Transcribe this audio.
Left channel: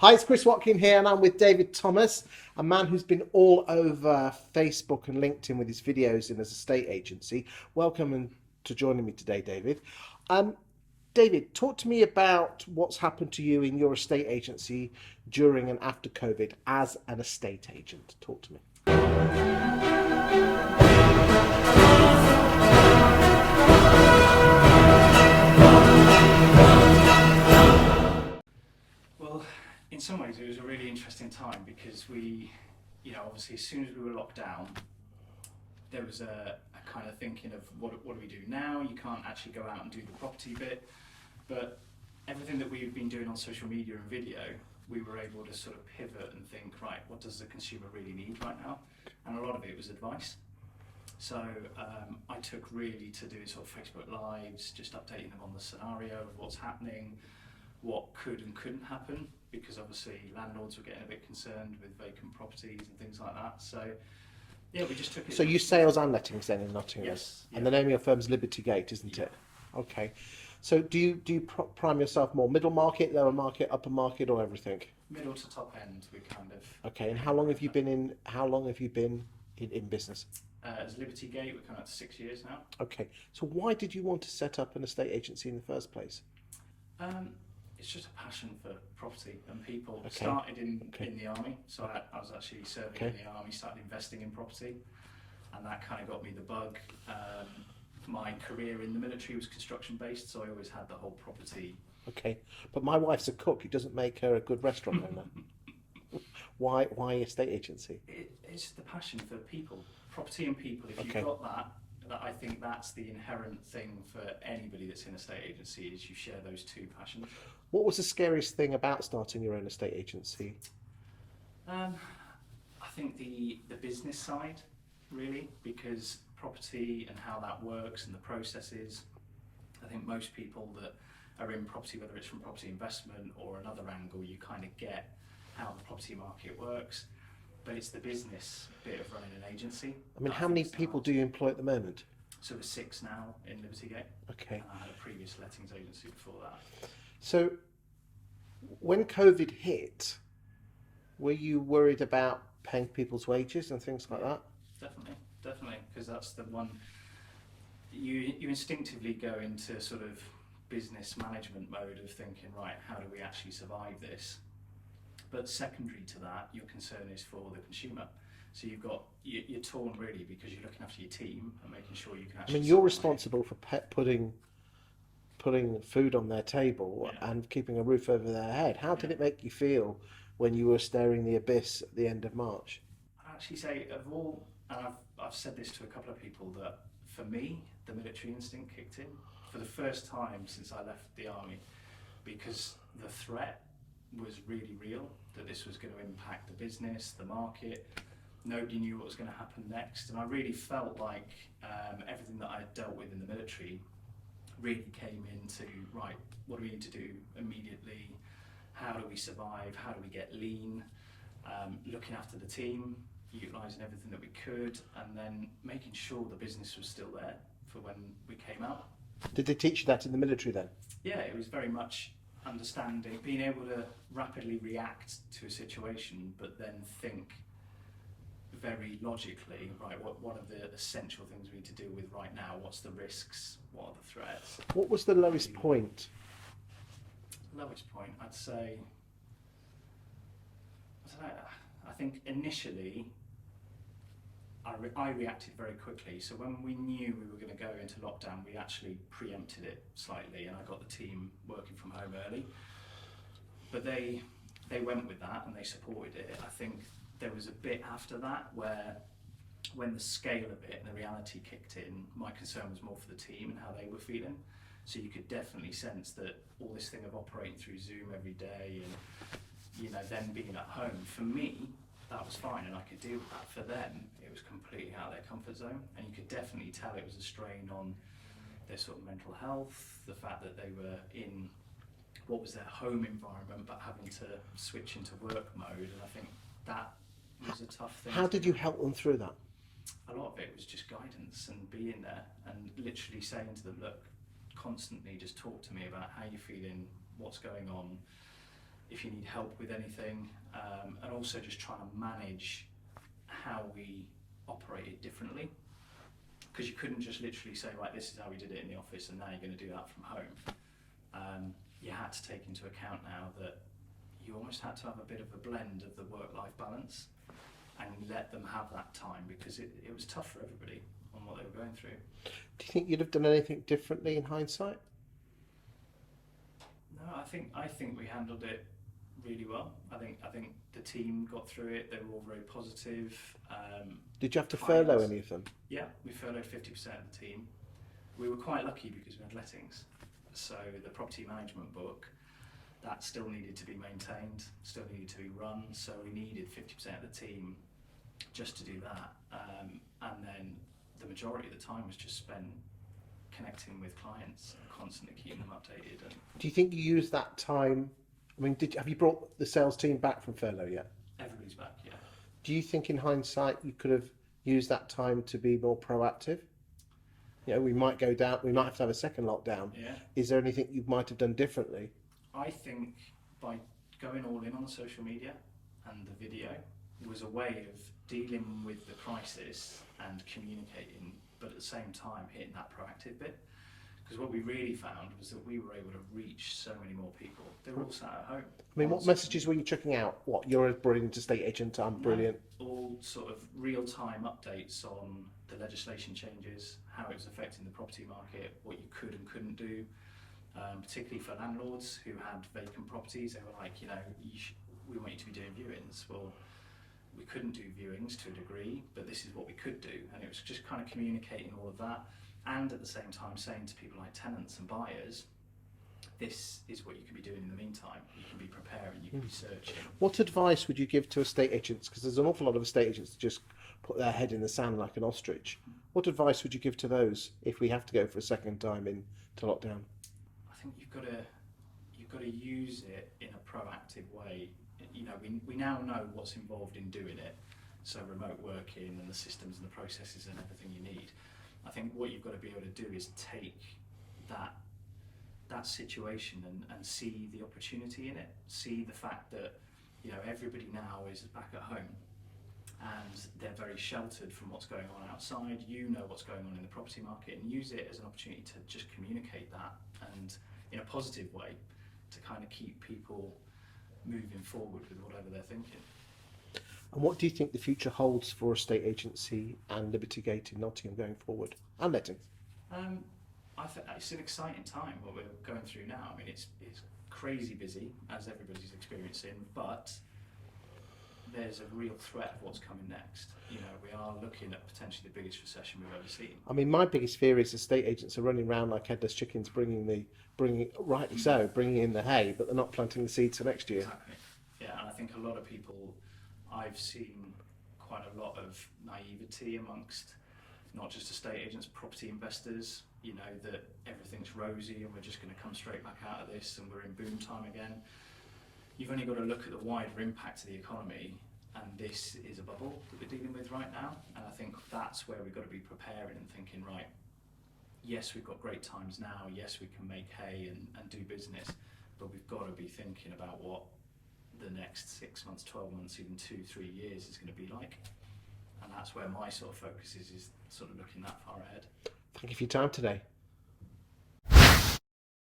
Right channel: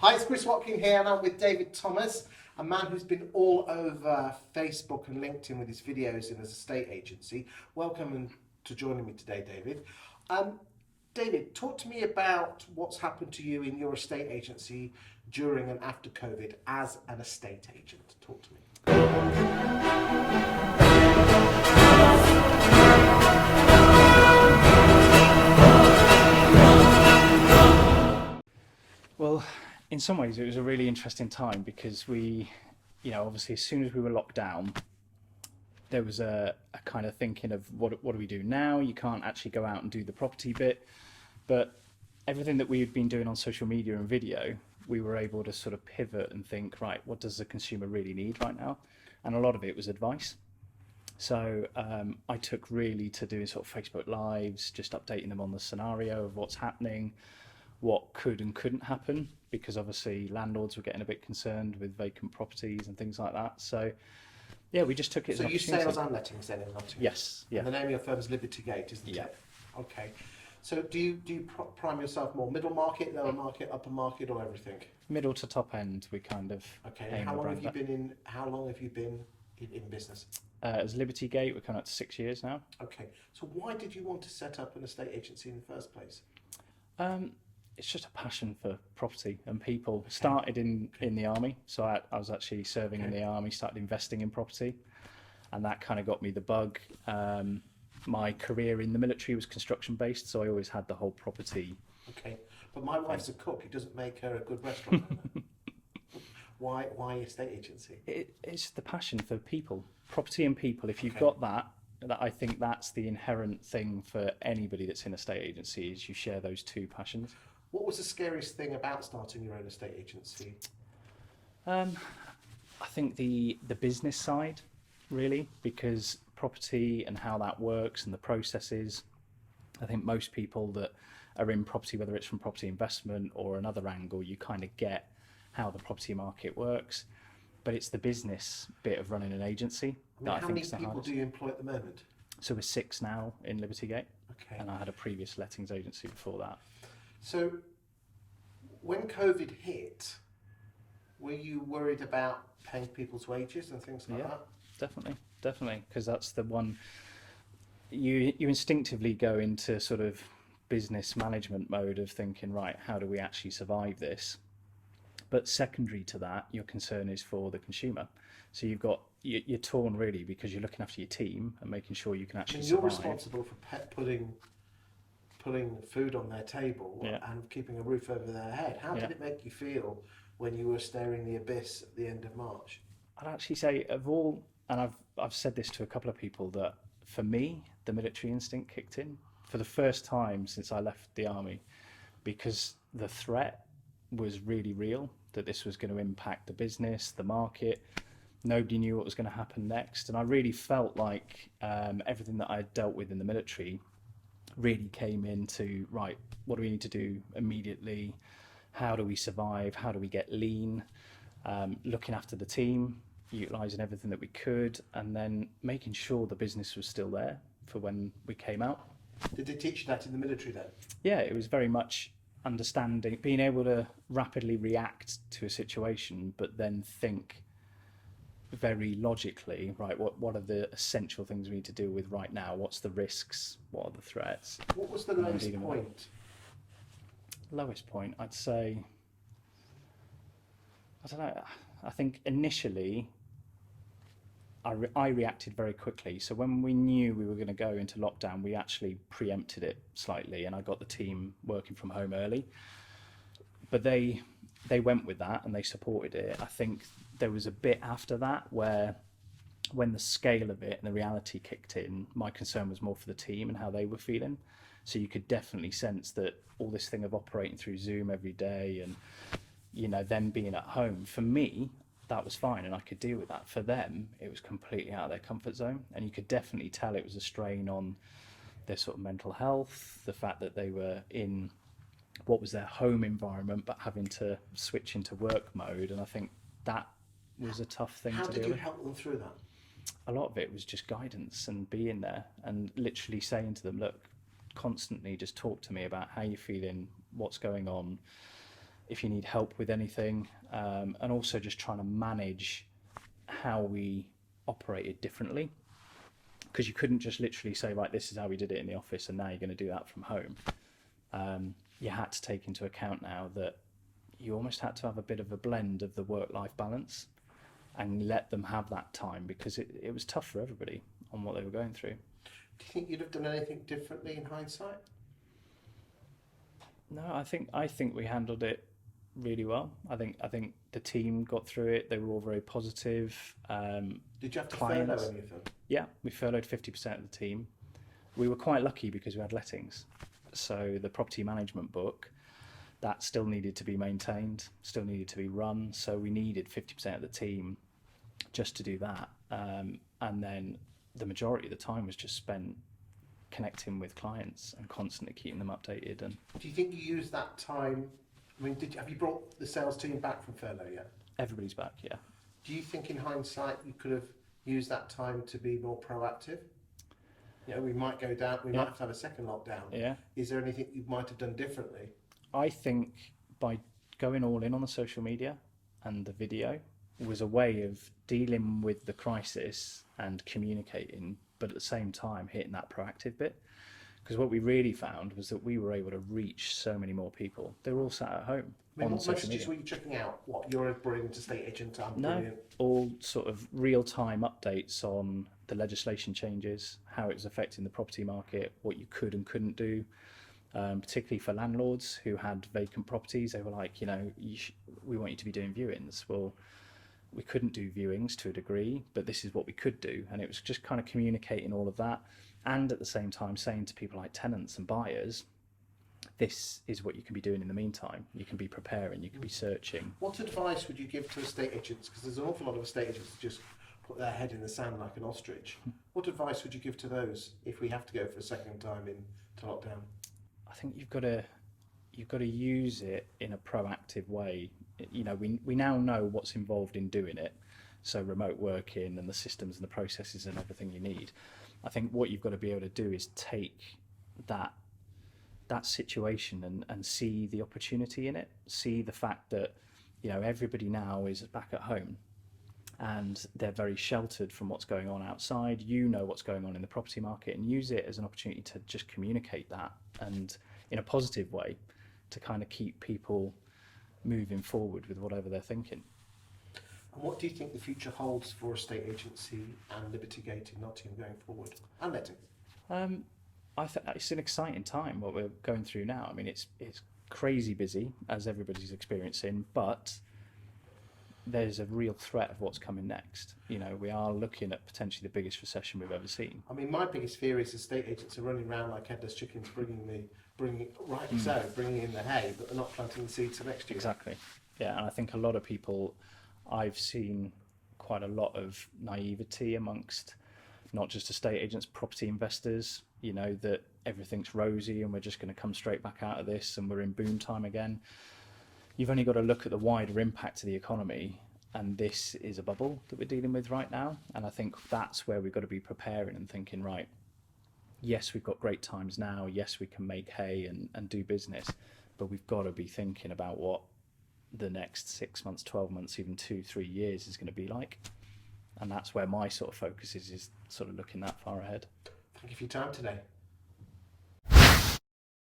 Hi, it's Chris Watkin here, and I'm with David Thomas, a man who's been all over Facebook and LinkedIn with his videos in his estate agency. Welcome to joining me today, David. David, talk to me about what's happened to you in your estate agency during and after COVID as an estate agent. Talk to me. Well, in some ways it was a really interesting time because we, obviously as soon as we were locked down, there was a kind of thinking of what do we do now? You can't actually go out and do the property bit, but everything that we've been doing on social media and video, we were able to sort of pivot and think, right, what does the consumer really need right now? And a lot of it was advice. So I took really to doing sort of Facebook Lives, just updating them on the scenario of what's happening, what could and couldn't happen, because obviously landlords were getting a bit concerned with vacant properties and things like that. So yeah, we just took it. So you sales and lettings then in Nottingham? Yes. Yeah. And the name of your firm's Liberty Gate, isn't it? Okay. So do you prime yourself more middle market, lower market, upper market, or everything? Middle to top end, we kind of. Okay. And how long have you been in business? As Liberty Gate, we're coming up to 6 years now. Okay. So why did you want to set up an estate agency in the first place? It's just a passion for property and people. Okay. Started in the army, so I was actually serving in the army, started investing in property, and that kind of got me the bug. My career in the military was construction based, so I always had the whole property. Okay, but my wife's a cook. It doesn't make her a good restaurant owner. Why estate agency? It's the passion for people, property and people. If you've Okay. got that I think that's the inherent thing for anybody that's in a estate agency, is you share those two passions. What was the scariest thing about starting your own estate agency? I think the business side, really, because property and how that works and the processes, I think most people that are in property, whether it's from property investment or another angle, you kind of get how the property market works, but it's the business bit of running an agency. I mean, how many people do you employ at the moment? So we're 6 now in Liberty Gate. Okay. And I had a previous lettings agency before that. So when COVID hit, were you worried about paying people's wages and things like that? Definitely, because that's the one you instinctively go into sort of business management mode of thinking, right, how do we actually survive this? But secondary to that, your concern is for the consumer. So you're torn really, because you're looking after your team and making sure you can actually. I mean, you're survive. responsible for putting food on their table and keeping a roof over their head. How did it make you feel when you were staring the abyss at the end of March? I'd actually say of all, and I've said this to a couple of people, that for me, the military instinct kicked in for the first time since I left the army, because the threat was really real, that this was going to impact the business, the market. Nobody knew what was going to happen next, and I really felt like everything that I dealt with in the military really came into, right, what do we need to do immediately? How do we survive? How do we get lean? Looking after the team, utilising everything that we could, and then making sure the business was still there for when we came out. Did they teach you that in the military then? Yeah, it was very much understanding, being able to rapidly react to a situation, but then think very logically, right, what are the essential things we need to deal with right now? What's the risks? What are the threats? What was the lowest point? Lowest point, I'd say, I don't know, I think initially I reacted very quickly. So when we knew we were going to go into lockdown, we actually preempted it slightly, and I got the team working from home early. But they went with that and they supported it. I think there was a bit after that where, when the scale of it and the reality kicked in, my concern was more for the team and how they were feeling. So you could definitely sense that all this thing of operating through Zoom every day and, them being at home, for me, that was fine and I could deal with that. For them, it was completely out of their comfort zone, and you could definitely tell it was a strain on their sort of mental health, the fact that they were in what was their home environment but having to switch into work mode, and I think that was a tough thing. How did you help them through that? A lot of it was just guidance and being there and literally saying to them, look, constantly just talk to me about how you're feeling, what's going on, if you need help with anything, and also just trying to manage how we operated differently, because you couldn't just literally say, right, this is how we did it in the office and now you're going to do that from home. You had to take into account now that you almost had to have a bit of a blend of the work-life balance and let them have that time, because it was tough for everybody on what they were going through. Do you think you'd have done anything differently in hindsight? No, I think we handled it really well. I think the team got through it. They were all very positive. Did you have to clients- furlough any of them? Yeah, we furloughed 50% of the team. We were quite lucky because we had lettings. So the property management book, that still needed to be maintained, still needed to be run. So we needed 50% of the team just to do that. And then the majority of the time was just spent connecting with clients and constantly keeping them updated. And Do you think you used that time? I mean, have you brought the sales team back from furlough yet? everybody's back, yeah. Do you think in hindsight you could have used that time to be more proactive? You know, we might go down, we might have to have a second lockdown. Yeah. Is there anything you might have done differently? I think by going all in on the social media and the video was a way of dealing with the crisis and communicating, but at the same time hitting that proactive bit. Because what we really found was that we were able to reach so many more people. They were all sat at home. I mean, on what social messages media. were you checking out? What, you're a brilliant estate agent, I'm No, brilliant. all sort of real-time updates on the legislation changes, how it was affecting the property market, what you could and couldn't do, particularly for landlords who had vacant properties. They were like, you know, we want you to be doing viewings. Well, we couldn't do viewings to a degree, but this is what we could do. And it was just kind of communicating all of that, and at the same time saying to people like tenants and buyers, this is what you can be doing in the meantime. You can be preparing, you can be searching. What advice would you give to estate agents? Because there's an awful lot of estate agents that just put their head in the sand like an ostrich. What advice would you give to those if we have to go for a second time into lockdown? I think you've got to use it in a proactive way. You know, we now know what's involved in doing it, so remote working and the systems and the processes and everything you need. I think what you've got to be able to do is take that situation and see the opportunity in it, see the fact that, you know, everybody now is back at home and they're very sheltered from what's going on outside. You know what's going on in the property market, and use it as an opportunity to just communicate that, and in a positive way, to kind of keep people moving forward with whatever they're thinking. And what do you think the future holds for estate agency and Liberty Gate in Nottingham going forward, and lettings? I think it's an exciting time what we're going through now. I mean, it's crazy busy, as everybody's experiencing, but there's a real threat of what's coming next. You know, we are looking at potentially the biggest recession we've ever seen. I mean, my biggest fear is estate agents are running around like headless chickens, bringing in the hay, but they're not planting the seeds for next year. Exactly. Yeah, and I think a lot of people, I've seen quite a lot of naivety amongst not just estate agents, property investors, you know, that everything's rosy and we're just going to come straight back out of this and we're in boom time again. You've only got to look at the wider impact to the economy, and this is a bubble that we're dealing with right now. And I think that's where we've got to be preparing and thinking, right, yes, we've got great times now, yes, we can make hay and do business, but we've got to be thinking about what the next 6 months, 12 months, even 2-3 years is going to be like. And that's where my sort of focus is sort of looking that far ahead. Thank you for your time today.